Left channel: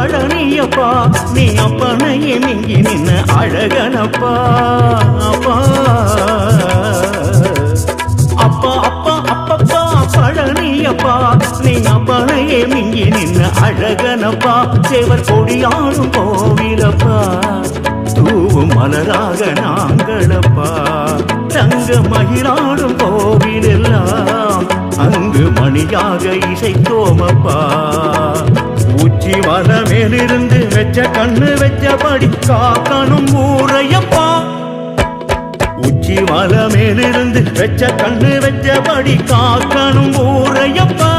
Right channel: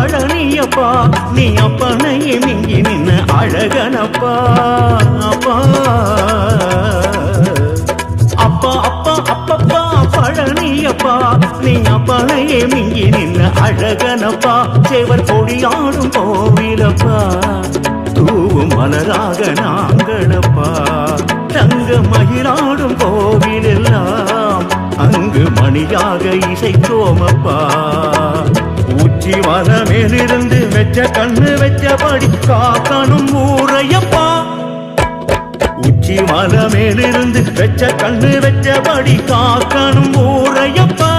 பழனியப்பா நீ அப்பனையே மிஞ்சி நின்ன அழகனப்பா அப்பா அப்பா அப்பா அப்பப்பா பழனியப்பா நீ அப்பனையே மிஞ்சி நின்ன அழகனப்பா சேவர் கொடியாடும் கோவிலப்பா தூவும் மலராக நாங்களப்பா தங்க மகிழாடும் கோவில் எல்லாம் அங்கு மணியாக இசைத்தோமப்பா உச்சி மலை மேலிருந்து வெச்ச கண்ணு வெச்சபடி காக்கணும் ஊரையப்பா உச்சி மலை மேலிருந்து வெச்ச கண்ணு வெச்சபடி காக்கணும் ஊரையப்பா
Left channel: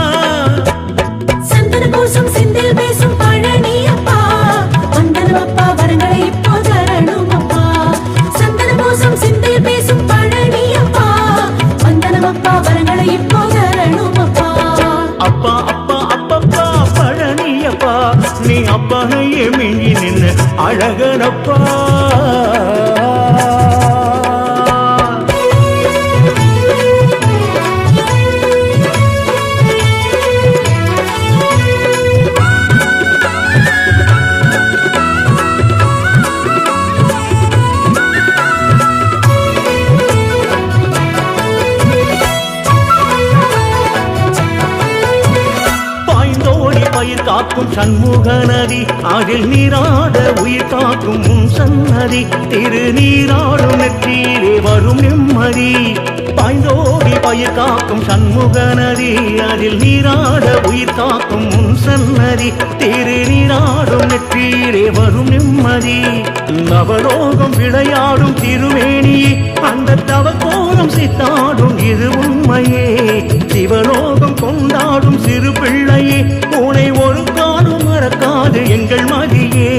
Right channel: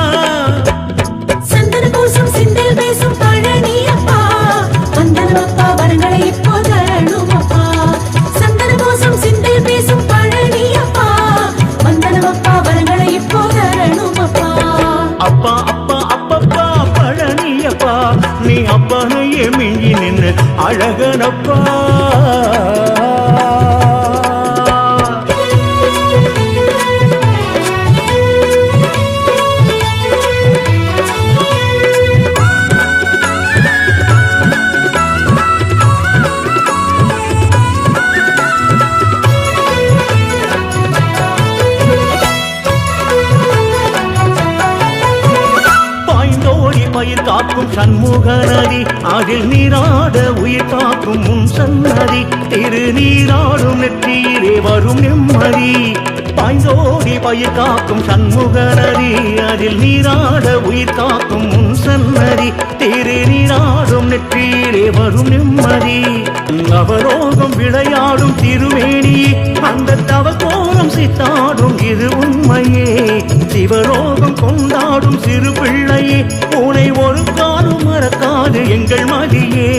சந்தன பூசும் சிந்தில் பேசும் பழனியப்பா வந்தனப்பா வரங்களை இப்போ தரணுமப்பா சந்தன பூசும் சிந்தில் பேசும் பழனியப்பா வந்தனப்பா வரங்களை இப்போ தரணுமப்பா அப்பா அப்பா அப்பப்பா பழனியப்பா நீ அப்பனையே மிஞ்சி நின்னு அழகனப்பா பயிர் காக்கும் சண்முக நதி அதில் நீராட உயிர் காக்கும் முன் சன்னதி திருநீராடும் நெற்றியிலே வரும் நிம்மதி பாய்ந்தோடி பயிர் காக்கும் சண்முக நதி அதில் நீராட உயிர் காக்கும் முன் சன்னதி திருநீராடும் நெற்றியிலே வரும் நிம்மதி நவலோகம் விளையாடும் திருமேனியே அந்த தவக்கோலம் சித்தாடும் இது உண்மையே சிவலோகம் கொண்டாடும் சிறு பிள்ளையே உனை ஒரு காலம் மறக்காது எங்கள் மதியே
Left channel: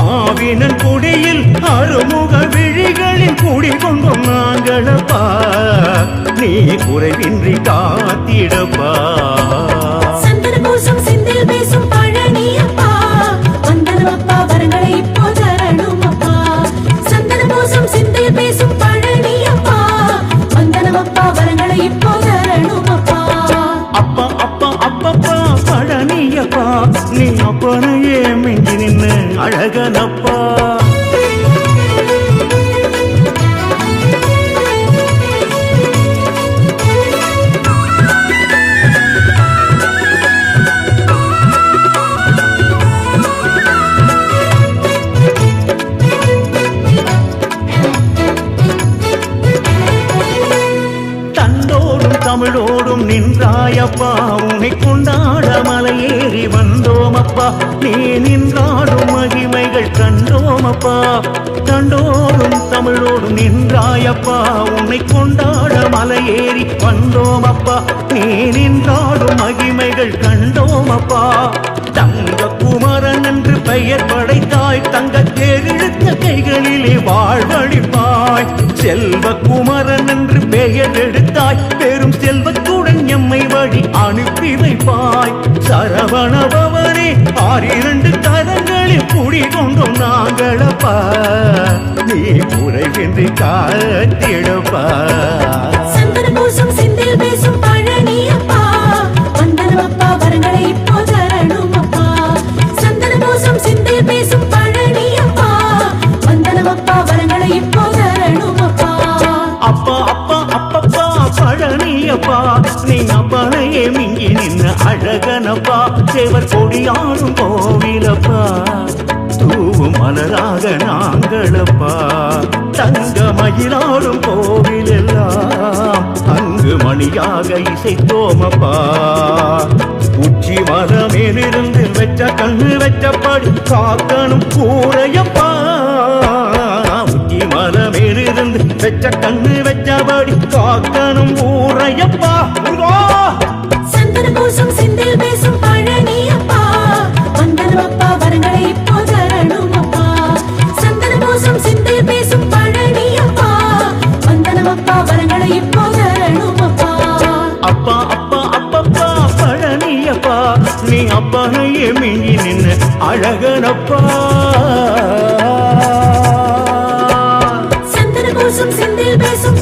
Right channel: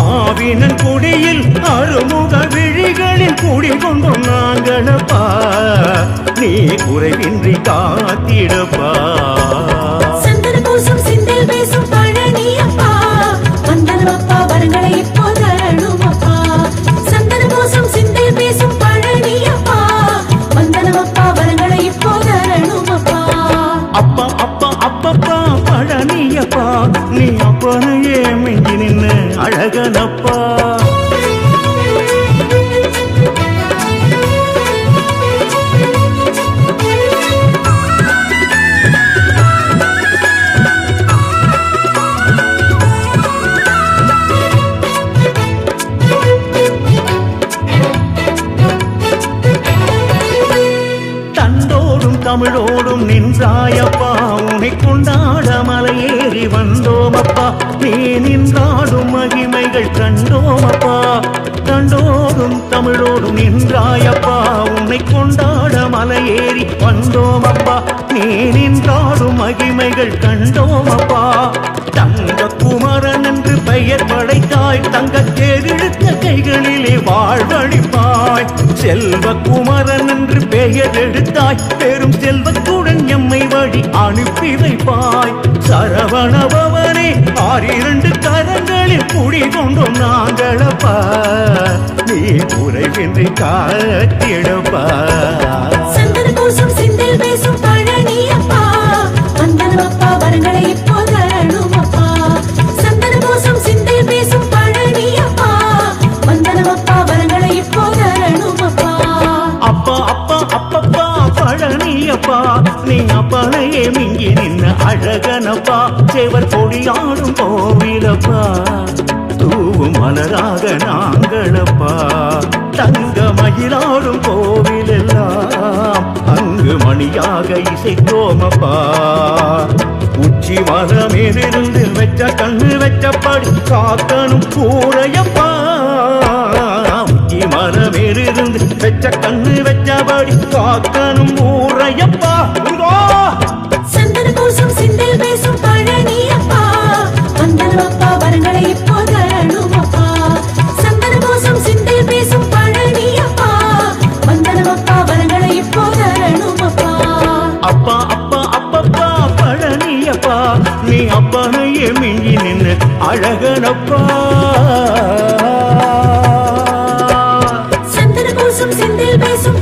ஆவினன் குடியில் அருமுக விழிகளில் குடிகொண்டோம் நாங்களப்பா நீ குறைவின்றி காத்திடப்பா சந்தன பூசும் சிந்தில் பேசும் பழனியப்பா வந்தனப்பா வரங்களை இப்போ தரணுமப்பா சந்தன பூசும் சிந்தில் பேசும் பழனியப்பா வந்தனப்பா வரங்களை இப்போ தரணுமப்பா அப்பா அப்பா அப்பப்பா பழனியப்பா நீ அப்பனையே மிஞ்சி நின்னு அழகனப்பா தண்டோடும் தமிழோடும் நின்றாயப்பா உனை கொண்டாட மலையேறி வந்தோமப்பா நீ நின்றாடும் மகிமைகள் கண்டோமப்பா தண்டோடும் தமிழோடும் நின்றாயப்பா உன்னை கொண்டாட மலையேறி வந்தோமப்பா நீ நின்றாடும் மகிமைகள் கண்டோமப்பா தங்க குமரன் என்று பெயர் படைத்தாய் தங்க தேரிழுத்த கைகளிலே வாழ்வழிப்பாய் செல்வ குமரன் என்று பெயர் எடுத்தாய் பெரும் செல்வத்துடன் எம்மை வழி அனுப்பி வைப்பாய் சரவணபவனே 6 கரங்களில் குடிகொண்டோம் நாங்களப்பா நீ குறைவின்றி காத்திடப்பா சந்தன பூசும் சிந்தில் பேசும் பழனியப்பா வந்தனப்பா வரங்களை இப்போ தரணுமப்பா சந்தன பூசும் சிந்தில் பேசும் பழனியப்பா வந்தனப்பா வரங்களை இப்போ தரணுமப்பா அப்பா அப்பா அப்பப்பா பழனியப்பா நீ அப்பனையே மிஞ்சி நின்ன அழகனப்பா சேவர் கொடியாடும் கோவிலப்பா தூவும் மலராக நாங்களப்பா தங்க மகிழாடும் கோவில் எல்லாம் அங்கு மணியாக இசைத்தோமப்பா உச்சி மலை மேலிருந்து வெச்ச கண்ணு வெச்சபடி காக்கணும் கூரையப்பா உச்சி மலை மேலிருந்து வெச்ச கண்ணு வெச்சபடி காக்கணும் ஊரையப்பா சந்தன பூசும் சிந்தில் பேசும் பழனியப்பா வந்தனப்பா வரங்களை இப்போ தரணுமப்பா சந்தன பூசும் சிந்தில் பேசும் பழனியப்பா வந்தனப்பா வரங்களை இப்போ தரணுமப்பா அப்பா அப்பா அப்பப்பா பழனியப்பா நீ அப்பனையே மிஞ்சி நின்னு அழகனப்பா சந்தன பூசும் சிந்தில் பேசும்